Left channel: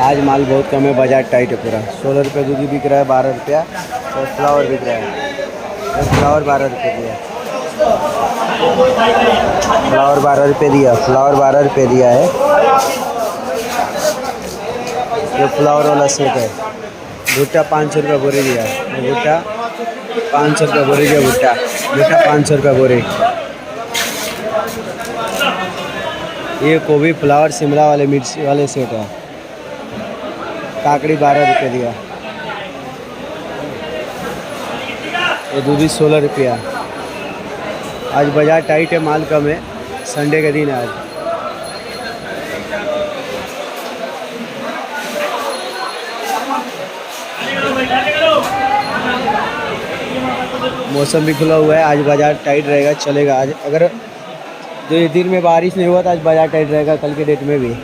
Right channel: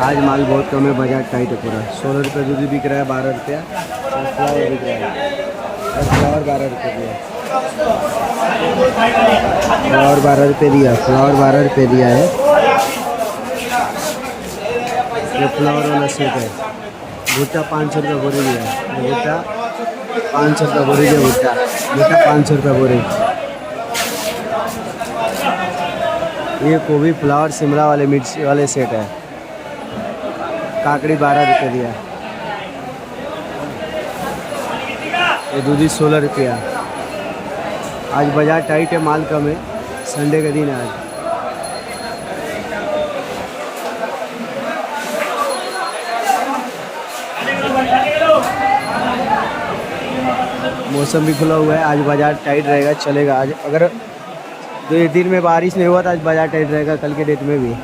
आज माल बहुत कम है, बाजार टाइट है पूरा। 16 रुपये दूधी बिक रहा है, 12 रुपया। और फ्लावर बिक रहा है, फ्लावर 12 रुपये दिया, फ्लावर 12 रुपये दिया, फ्लावर 12 रुपये दिया है। ये फ्लावर वाला सेट है। भुट्टा 500 रुपये बोरी दिया है, भुट्टा 500 रुपये बोरी दिया, भुट्टा भुट्टा 500 रुपये बोरी। ये गोभी फ्लावर शिमला वाले मिर्ची वाले सेट है, काकड़ी 12 रुपये दिया। ये दूधी 16 रुपया। आज बाजार टाइट है, माल कम है, संडे का दिन है आज। मौसम भी खुला हुआ है, आज बाजार टाइट रहेगा, चलेगा आज। अगर 2 दिन में बारिश नहीं हुआ तो आज बाजार टाइट रहेगा, कल के डेट में भी।